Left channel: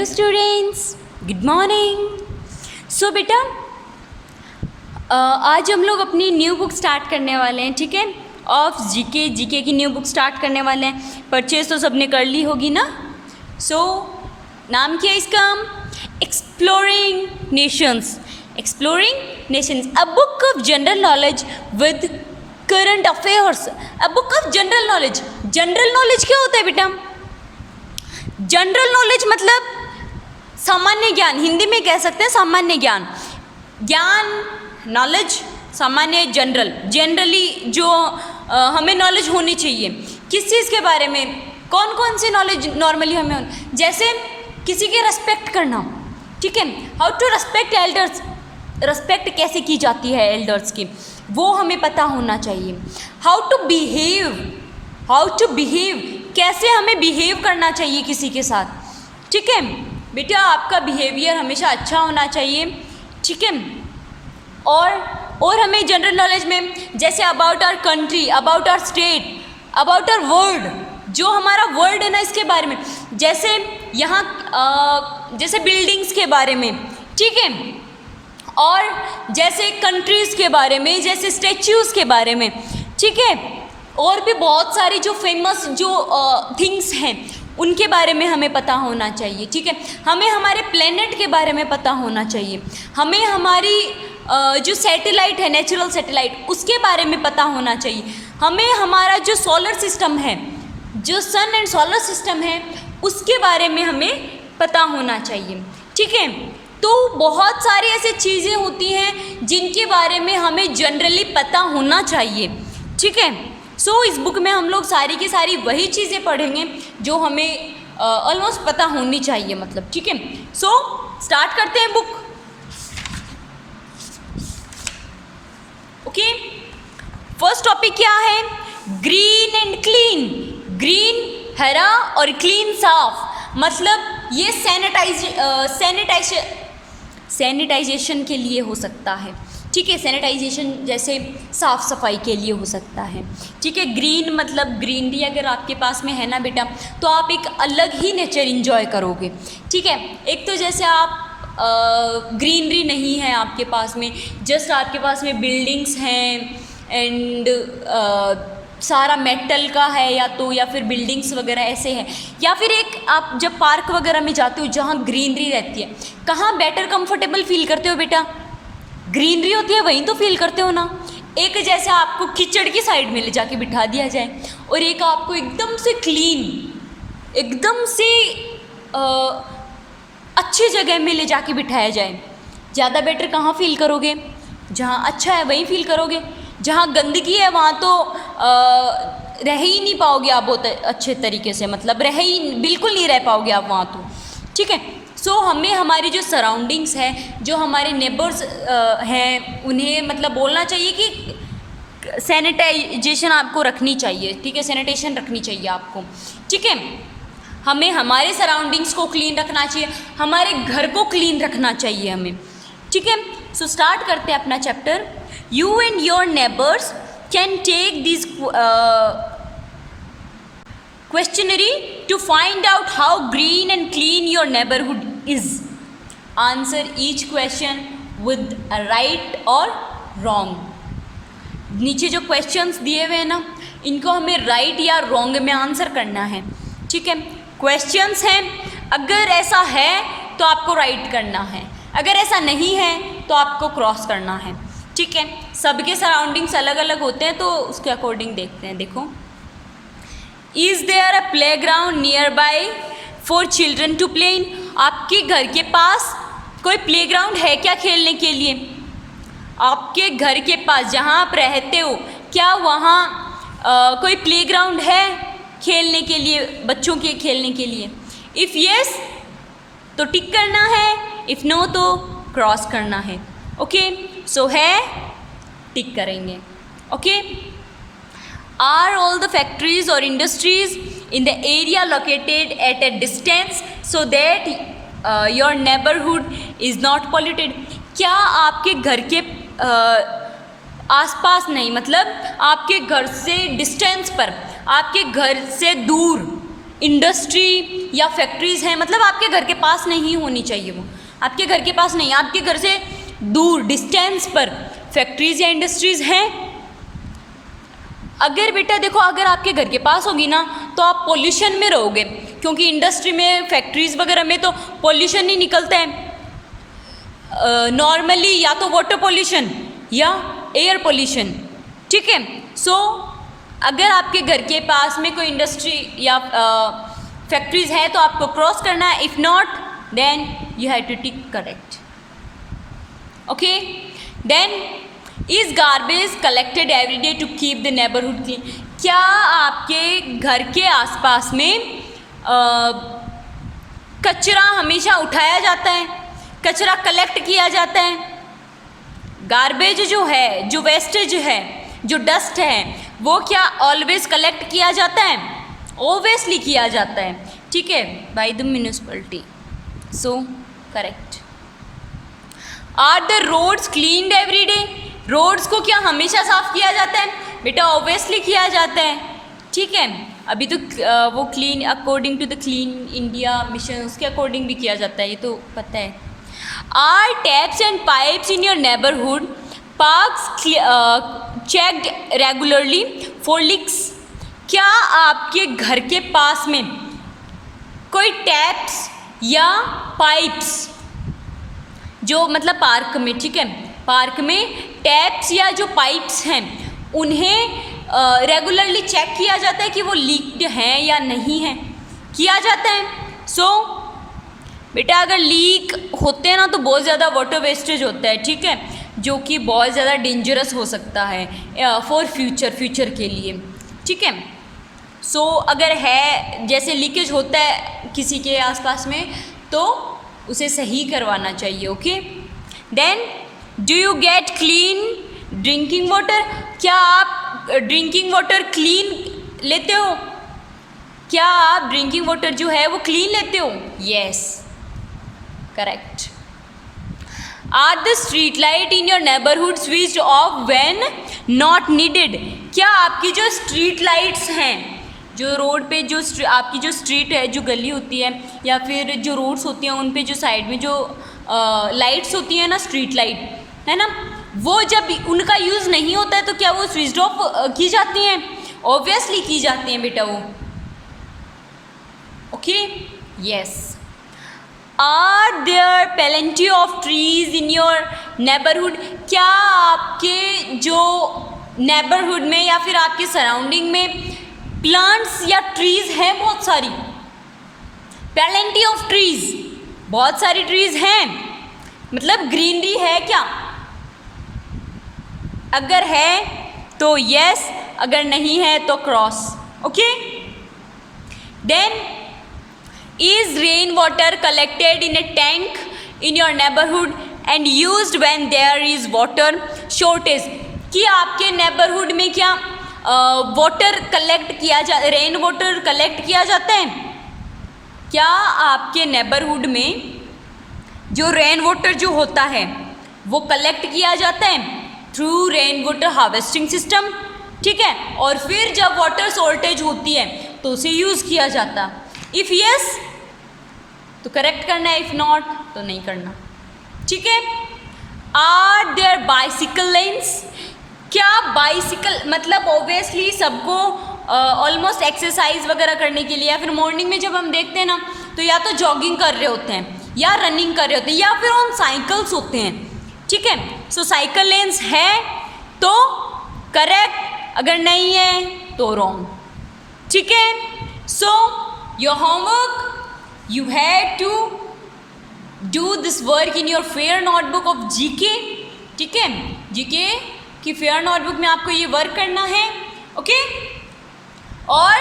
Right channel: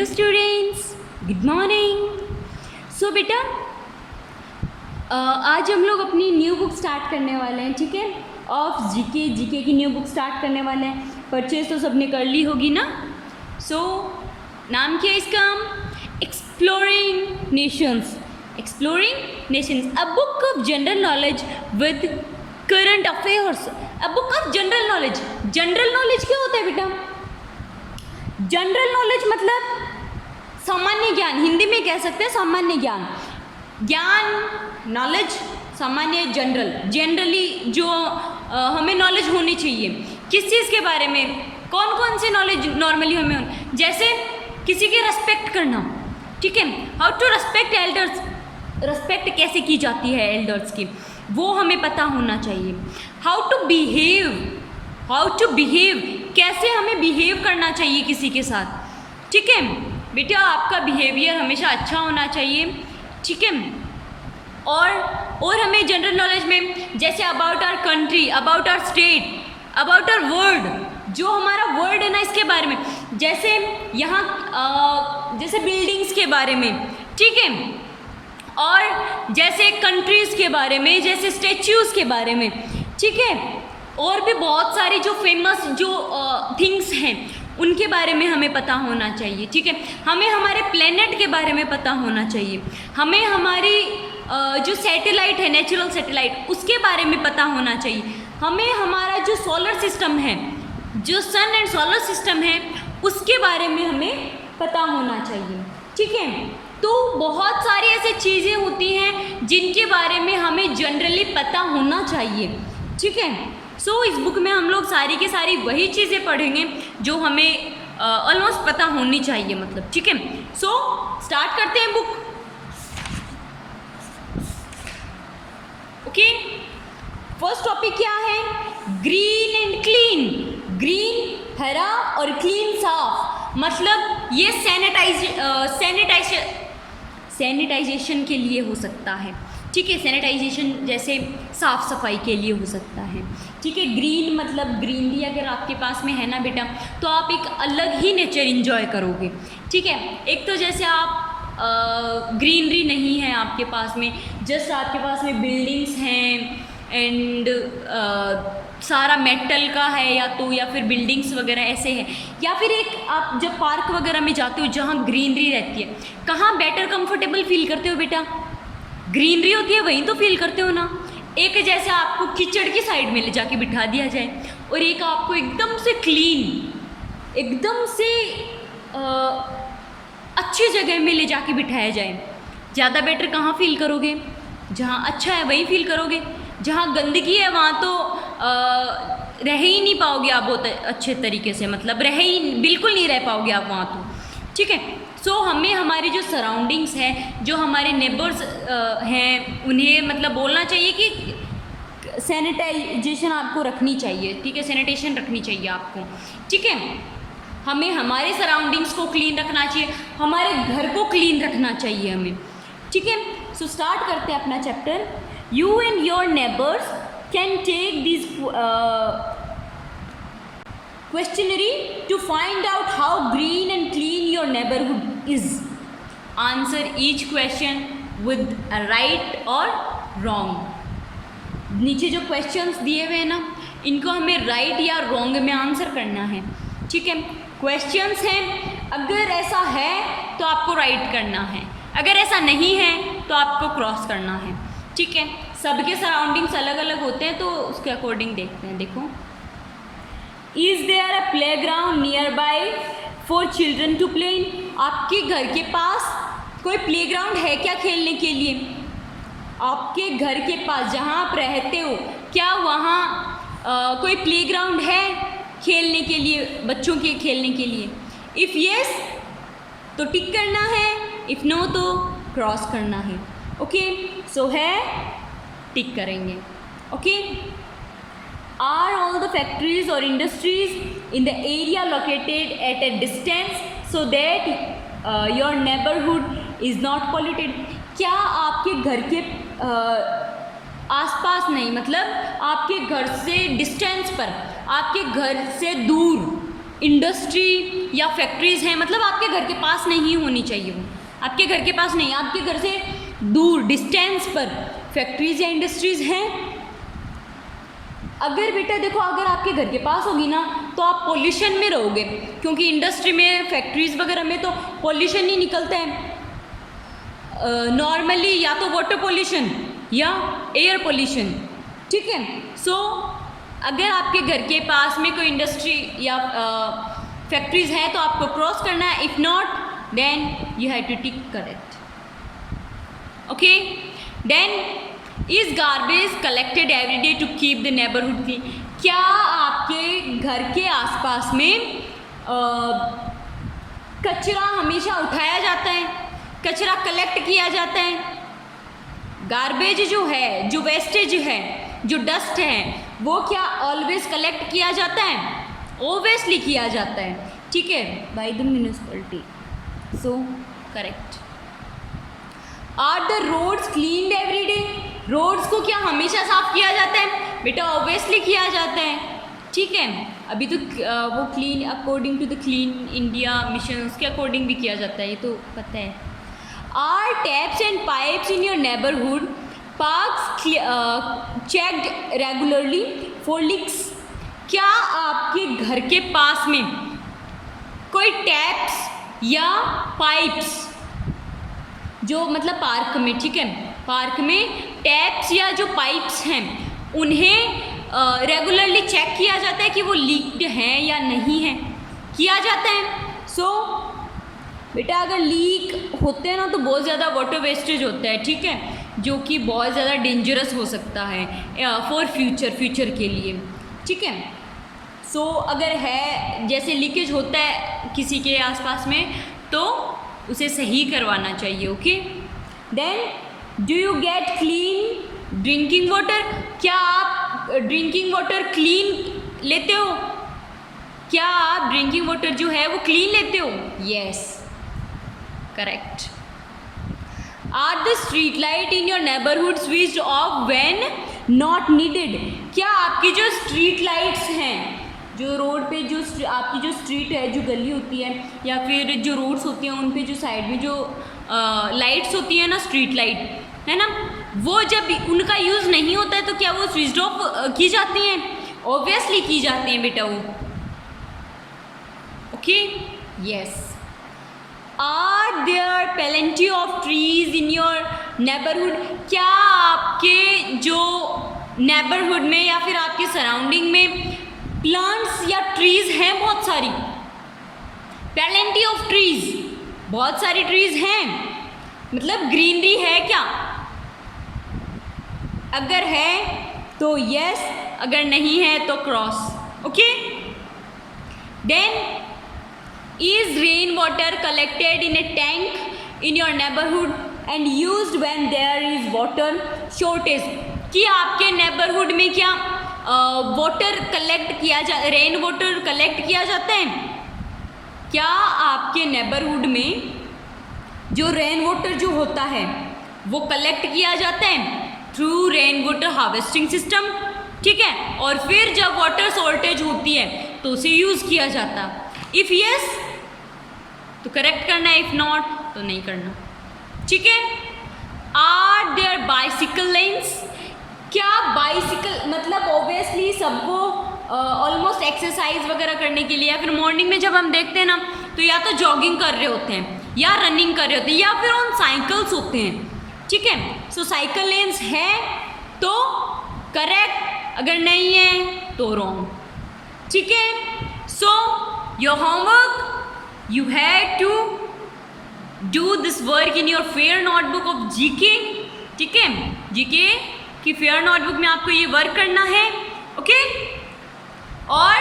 Hello students, good morning. So बेटा, आज हम लोग अपनी न्यू बुक स्टार्ट करने वाले हैं, ठीक है। ऑफ जीके की न्यू बुक स्टार्ट करने वाले हैं। परचेज तो सबने कर ली होगी ना। सो नाम क्या है इसका? Exploring Nations. Exploring Nations, a book of general knowledge with current affairs. A book of general knowledge. General knowledge क्या होता है बेटा? जनरल नॉलेज मतलब सामान्य ज्ञान, हिंदी में कह सकते हैं सामान्य ज्ञान। ज्ञान, नॉलेज, सामान्य, जनरल। जनरली जो हमें नॉलेज होनी चाहिए किस चीज़ के बारे में, कौन कौन सी नॉलेज नॉर्मली हमें, जैसे किसी की रेस्पेक्ट करना, ठीक है। How to respect elders, respect कैसे की जाती है एल्डर्स की, वो हमें पता होना चाहिए। हाउ टू बिहेव, कैसे हमें बिहेव करना चाहिए किसी के साथ, ठीक है बेटा। आपका बिहेवियर हमेशा अच्छा होना चाहिए, ठीक है। और हमें जनरल नॉलेज में जैसे about our country, about our state, about our world, जो हमारा वर्ल्ड है ना, इसके बारे में, जैसे यहाँ जैसे बिल्डिंग्स के बारे में, ठीक है, और जैसे कंट्रीज़ के बारे में, जैसे स्टैच्यूज़ के बारे में, ठीक है। और भी बहुत सारी जो फेमस जो थिंग्स हैं उनके बारे में हमें पता होना चाहिए, ठीक है। हमें हमारे प्लेनेट के बारे में पता होना चाहिए। हमें हमारी जो सैटेलाइट है, नेचुरल सैटेलाइट, उसके बारे में पता होना चाहिए। हमें हमारा जो सोलर सिस्टम है, जो सन एंड सोलर सिस्टम है, उसके बारे में हमें पता होना चाहिए, ठीक है। तो बहुत सारी ऐसी चीज़ें होती हैं जिनके बारे में हमें जनरली पता होना चाहिए, ठीक है। सो इस बुक में हम लोग सारी की सारी वही चीज़ें पढ़ेंगे जो हमें ऑलमोस्ट पता होनी चाहिए, मतलब, ठीक है। सो स्टार्ट करते हैं बुक। ओके, फर्स्ट टॉपिक क्या है? Green and clean. ग्रीन हरा और क्लीन साफ, मतलब ये सैनिटाइजेशन के लिए हो सकता है, ठीक है। सैनिटाइजेशन जैसे साफ़ सफाई के लिए हो सकता है, ठीक है। ग्रीन मतलब ग्रीनरी अगर आपके पास में है ना बेटा, तो आप एक अलग ही नेचर एंजॉय करोगे, ठीक है। एक तो जैसे आप ग्रीनरी नहीं है आपके पास में, जस्ट आपके पास में बिल्डिंग्स हैं एंड सारा मेटल का है, या फिर बिल्डिंग्स वगैरह ऐसे हैं, या फिर एक आप जब पार्क वगैरह में जाते हो जहाँ ग्रीनरी रहती है, कहाँ बेटर कंफर्टेबल फील करते हो बेटा? ग्रीनरी होती है वहीं तो फील करते हो ना। एक जैसे आपको कीचड़ की साइड में ले जाके बिठा दिया जाए, और एक आपको एकदम से क्लीन, एकदम से अच्छी जगह में ले जाके बिठाया जाए, ज़्यादा बेटर कहाँ फील करोगे? जहाँ अच्छा है वहीं फील करोगे। जहाँ गंदगी है वहाँ तो रह ही नहीं पाओगे आप बहुत अच्छे तरीके से, मतलब बिल्कुल नहीं रह पाओगे आप वहाँ तो, ठीक है। सो हमें हमारी जो सराउंडिंग्स हैं, जो हमारे नेबर्स हैं, उन्हें मतलब बोलना चाहिए कि सैनिटाइजेशन आपको रखनी चाहिए, ठीक है। सैनिटेशन रखनी चाहिए आपको, ठीक है। हमें हमारे सराउंडिंग्स को क्लीन रखना चाहिए, हमारे घर को क्लीन रखना चाहिए हमें, ठीक है। सो स्टार्ट करते हैं अपना chapter. You and your neighbours can take this questionnaire to find out how green and clean your neighborhood is. Answer each question with a right or wrong. नीचे जो क्वेश्चंस दिए हुए हैं ना, इनको हमें राइट या रॉन्ग में आंसर करना है, ठीक है। क्वेश्चंस हैं, अगर ऐसा है तो आपको राइट करना है, अगर ऐसा नहीं है तो आपको क्रॉस करना है, ठीक है। सबके सराउंडिंग्स अलग अलग होते हैं तो उसके अकॉर्डिंग देखते हैं। देखो, is there a playground nearby for children to play in? आपके घर के पास कोई प्ले ग्राउंड है क्या खेलने के लिए? आपके घर के पास जहाँ आप रहते हो, क्या वहाँ कोई प्ले ग्राउंड है खेलने के लिए, बच्चों के खेलने के लिए? इफ़ येस तो टिक करना है, इफ़ नो तो क्रॉस करना है, ओके। सो है, टिक करेंगे, okay. Are all the factories or industries in the area located at a distance so that your neighborhood is not polluted? क्या आपके घर के आसपास नहीं, मतलब आपके घर से डिस्टेंस पर, आपके घर से दूर इंडस्ट्री या फैक्ट्रीज़ हैं, मतलब आपके घर के पास नहीं होनी चाहिए वो, आपके घर के पास नहीं, आपके घर से दूर डिस्टेंस पर फैक्ट्रीज़ या इंडस्ट्रीज़ हैं। अगर बेटा देखो, अगर आपके घर के पास होगी ना तो आप पोल्यूशन में रहोगे, क्योंकि इंडस्ट्री में, फैक्ट्रीज़ वगैरह में तो पोल्यूशन ही निकलता है नॉर्मली, या तो वाटर पोल्यूशन या एयर पोल्यूशन, ठीक है। सो अगर आपके घर के पास में कोई इंडस्ट्री या फैक्ट्रीज़ है तो आपको क्रॉस करना है, if not then you have to tick correct, okay. Then is garbage collected every day to keep the neighbourhood clean, क्या आपके घर के आसपास में कचरा हमेशा उठाया जाता है, कचरा कलेक्ट किया जाता है? गार्बेज जो है, जो वेस्टेज है, जो डस्ट है, वो क्या ऑलवेज कलेक्ट किया जाता है? ओबियसली किया जाता है, ठीक है, by the municipality, so correct. Are the roads cleaned every day, roads को क्या हमेशा साफ किया जाता है? बेटा ऑब्वियसली किया जाता है, ठीक है। अभी तो वो clean according to the clean India mission, उसके अकॉर्डिंग भी किया जाता है, ये तो पता है। Are taps and pipes in your neighbourhood parks checked regularly for leaks, क्या आपके घर के पास में कोई टैप्स या पाइप्स, जो मतलब पार्क में, ठीक है, पार्क में टैप्स या जो पाइप्स हैं उन्हें रेगुलरली चेक किया जाता है कि वो लीक्ड हैं या नहीं हैं, किया जाता है। सो बेटा अगर लीक होते हैं ना तो बहुत ज़्यादा वाटर वेस्टेज होता है, ठीक है, जो कि बहुत ज़्यादा डेंजरस हो सकता है फॉर फ्यूचर के लिए, ठीक है। सो अगर है जैसे लीकेज होता है किसी के आसपास में तो उसे सही करवाना चाहिए, okay. Then do you get clean drinking water, क्या आप ड्रिंकिंग वाटर क्लीन लेते हो? क्या आप ड्रिंकिंग वाटर जो है वो क्लीन लेते हो? Yes, correct. Are the street light in your neighbourhood switched off when not needed, क्या आपकी जो स्ट्रीट लाइट्स हैं, जो रोड पे जो आपकी जो स्ट्रीट है, जो गली होती है या फिर जो रोड्स होती हैं उन पे जो साइड में जो लाइट्स होती है ना, स्ट्रीट लाइट है ना, वो जब उनका यूज़ नहीं होता है तो क्या वो स्विच ऑफ की जाती हैं? ऑब्वियसली की जाती हैं बेटा वो, okay, yes. Are there plenty of trees in your neighbourhood, क्या आपके जो नेबरहुड में या फिर आपके सराउंडिंग में प्लांट्स या ट्रीज हैं? बहुत सारी, प्लेंटी ऑफ ट्रीज, बहुत सारी ट्रीज हैं, मतलब ग्रीनरी है क्या? अगर है तो यस, अगर नहीं है तो cross, okay. Then is rain water collected in a tank in your neighbourhood and used when there is water shortage, कि आपके नेबरहुड में क्या वाटर कलेक्ट किया रेन वाटर कलेक्ट किया जाता है? क्या आपके नेबरहुड में जो रेन वाटर जो होता है वो कलेक्ट किया जाता है through rain water harvesting system, ठीक है, और फिर जब वाटर शॉर्टेज होती है तो उसे यूज़ किया जाता? इफ़ यस तो करेक्ट करना है, इफ़ नॉट तो नहीं करना, ठीक है। आर देयर बाइसिकल लेन्स, क्या बाइसिकल मतलब ऑब्वियसली सबको ऑलमोस्ट एक्सरसाइज वगैरह करने के लिए या फिर मॉर्निंग में जब हम देखते हैं ना तो या तो जॉगिंग कर रहे होते हैं या रनिंग कर रहे होते हैं या फिर ऑन साइकिल्स होते हैं, ठीक है। सो साइकिल लेन्स है तो करेक्ट, अगर नहीं है तो रॉन्ग, ठीक है। So your homework, you have to do this work in your fair notebook of GK, ठीक है, GK की फेयर नोटबुक में आपको ये वर्क करना है, ओके। और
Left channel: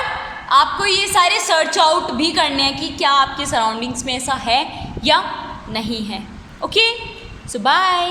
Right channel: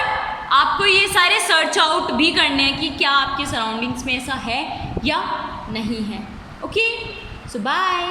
आपको ये सारे सर्च आउट भी करने हैं कि क्या आपके सराउंडिंग्स में ऐसा है या नहीं है, ओके। सो बाय।